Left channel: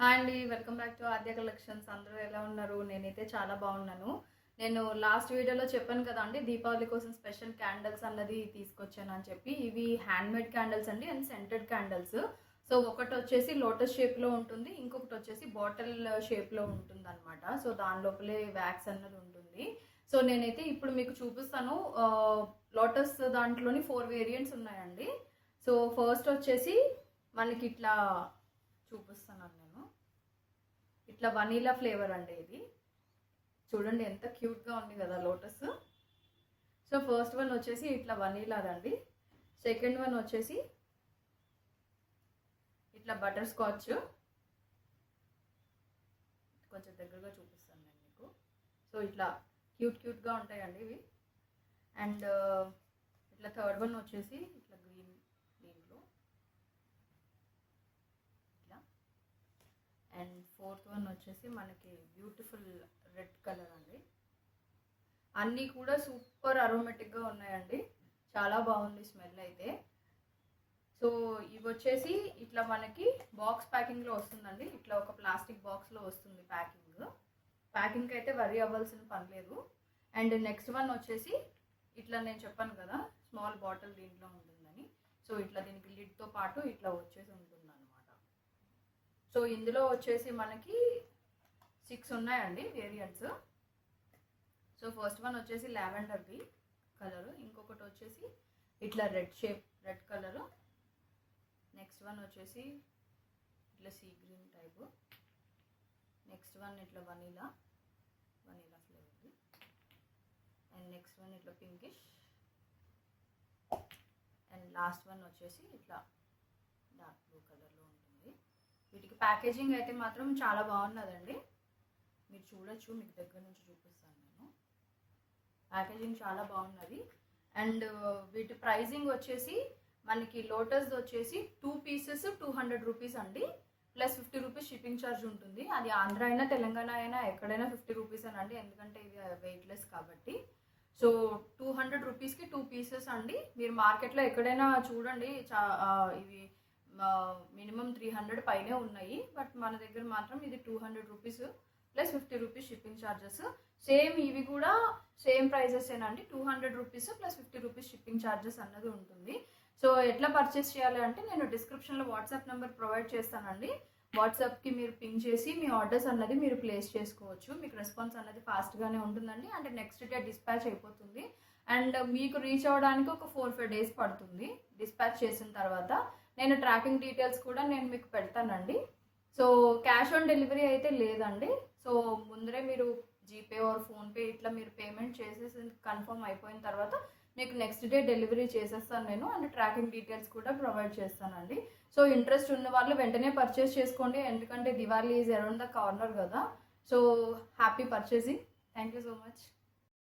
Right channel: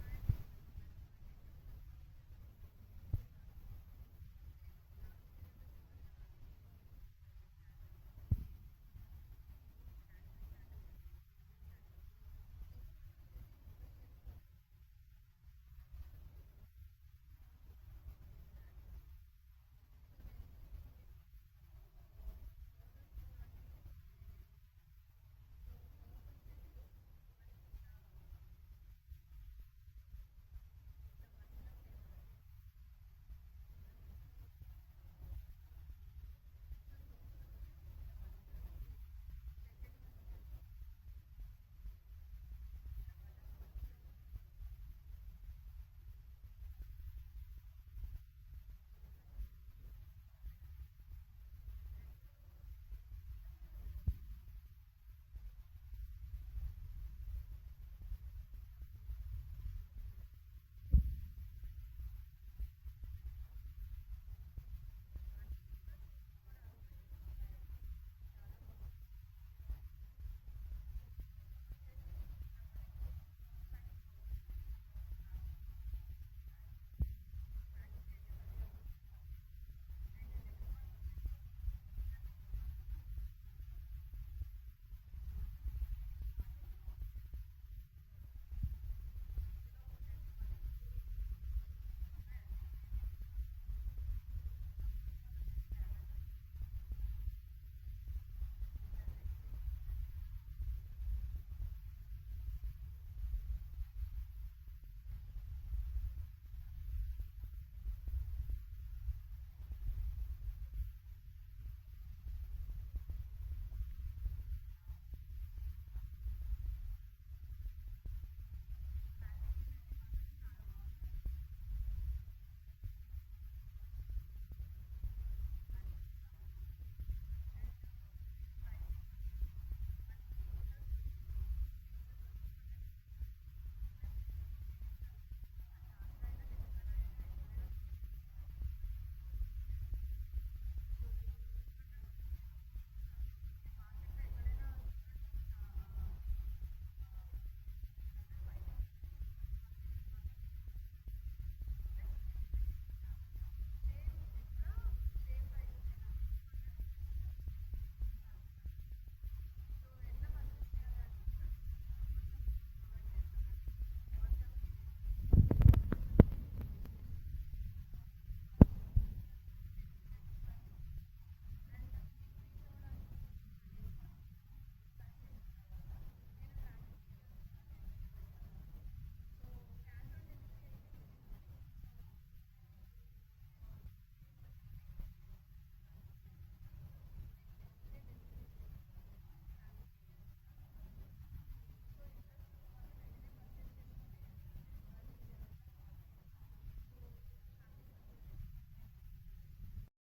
Hi అండి, welcome back to Aadya collections. అందరూ ఎలా ఉన్నారు? నేనైతే చాలా బాగున్నాను. నేను లాస్ట్ వీడియోలో చెప్పాను కదా అండి, దీపావళి కోసం స్పెషల్ క్యాండిల్స్ అన్నది తీసుకొచ్చాను అని చెప్పి. ఇవి హ్యాండ్మేడ్ క్యాండిల్స్ అండి అండ్ సెంటెడ్ క్యాండిల్స్. సో ఒకటి వచ్చేసి లోటస్ షేప్లో ఉంటుంది, ఇంకొకటి వచ్చేసి బాటిల్ షేప్లో ఉంటుంది అనమాట. సో దాని లోపలే వ్యాక్స్ అన్నది ఉంటుంది. సో నేనైతే ఇప్పుడు మీకు చూపిస్తాను. లోటస్ దాంట్లోని 4 వేరియంట్స్ ఉన్నాయండి. సో ఫస్ట్ వచ్చేసి మనకి ఇట్లా చూపిస్తున్నాను నేను. ఇట్లా వనీలా ఫ్లేవర్ అండి ఇది. చూడండి ఎంత క్యూట్గా ఉంది కదా లోటస్. సో ఫస్ట్ వన్ వచ్చేసి ఇట్లా వనీలాదండి. సెకండ్ వన్ వచ్చేసి ఇట్లా బటర్ స్కాచ్. కొంచెం దగ్గరగా చూపిస్తాను నేను మీకు. సో ఇట్లా క్యూట్గా ఉంటాయండి ఇవి. అండ్ ఇట్లా థర్డ్ వన్ వచ్చేసి ఇట్లా గ్రీన్ దీంట్లో ఇట్లా. అండ్ ఫోర్త్ వన్ వచ్చేసి మనకి బ్యూటిఫుల్ రెడ్ కలర్ అండి. అన్నీ కూడా సూపర్ అరోమేటిక్గా ఉన్నాయండి, చాలా బాగుంది స్మెల్ అయితే. సో ఇవి వచ్చేసి ఇట్లా మనకి బాక్స్ ప్యాకింగ్లో వస్తుందండి. ఇట్లా ఒక ప్లాస్టిక్ బాక్స్లో వస్తుంది ప్యాకింగ్ అయితే వరి అవ్వాల్సిన పని లేదు. అండ్ నెక్స్ట్ వన్ వచ్చేసి ఇట్లా నేను చెప్పాను కదా స్మాల్ బాటిల్ దీంట్లో ఉంటుందని. సో ఇట్లా దీనికి లిడ్తో పాటు ఇట్లా వచ్చేసి ఉంటుంది అనమాట. సో ఇందులో వచ్చేసి మనకి 6 ఉన్నాయండి వేరియంట్స్. సో ఫస్ట్ వన్ వచ్చేసి లావెండర్ది కలరు, ఇంకొకటి వచ్చేసి ఇట్లా రెడ్ కలరు, నెక్స్ట్ వన్ వచ్చేసి ఇట్లా sea green type, next one ఇట్లా వనీలా ఫ్లేవర్ది, అండ్ నెక్స్ట్ వన్ ఇట్లా పింకిష్, అండ్ లాస్ట్ వన్ వచ్చేసి ఇట్లా డార్క్ బ్లూ కలర్లో ఉంటుంది. వీటికి ప్యాకేజింగ్ అయితే మాత్రం చాలా బాగున్నదండి, మీరు చూడొచ్చు. మీకు దగ్గర నుంచి చూపిస్తాను నేను. ప్యాకేజింగ్ చాలా బాగున్నది. అండ్ వీటి ప్రైజింగ్ వచ్చేసి మనకి లోటస్ వచ్చేసి 2 పీసెస్ 200 రూపీస్ అండి, ప్లస్ 50 రూపీస్ షిప్పింగ్ ఛార్జ్ ఉంటుంది. అది ఆంధ్ర అయినా తెలంగాణ అయినా ఎక్కడైనా 50 రూపీస్ అనండి, ఎందుకంటే ఇది వెయిట్లెస్ కాబట్టి. సో 200 రూపీస్కి 2 పీసెస్ అండి. మీరు మార్కెట్లో ఎక్కడైనా చూడండి, ఇవి మినిమం 300 పైనే ఉన్నాయి, బట్ మన దగ్గర మాత్రం ఇది 200 rupees plus 50 rupees shipping charges. Same ఇవి కూడా సేమ్ ప్రైజెస్ ఏనండి, 200 rupees plus 50 rupees shipping charges అన్నది ఉంటుంది. సో ఎట్లా పర్చేస్ చేయాలి అంటే నేను డిస్క్రిప్షన్లో వాట్సాప్ నెంబర్ ప్రొవైడ్ చేస్తానండి. వాట్సాప్కి మీరు పింగ్ చేసి మీ ఆర్డర్స్ అన్నది మీరు ప్లేస్ చేసుకోవచ్చు. మీకు రెస్పాన్స్ అన్నది ఫాస్ట్గానే ఉంటుందండి. అంటే నెక్స్ట్ డే డిస్పాచ్ అయిపోతుంది. అండ్ మీకు రీచ్ అవ్వడానికి ఒక 4-5 డేస్ పడుతుంది డిస్పాచ్ చేసిన తర్వాత. నేను ట్రాకింగ్ డీటెయిల్స్ కూడా నేను మీకు పెడతానండి. సో క్యాష్ ఆన్ డెలివరీ అయితే లేదండి. సో ముందరే మీరు జీపే ఆర్ ఫోన్పే ఇట్లా మీరు పేమెంట్ చేసేసి కన్ఫర్మ్ అయిపోయిన తర్వాత మీకు నెక్స్ట్ డే డెలివరీ చేసేస్తాను నేను. అండ్ ట్రాకింగ్ డీటెయిల్స్ కూడా ప్రొవైడ్ చేస్తానండి. సో ఇంట్రెస్ట్ ఉన్న వాళ్ళు వెంటనే పర్చేస్ చేసుకోండి, ఎందుకంటే Diwali is around the corner కదా. So happy purchasing. Thank you so much.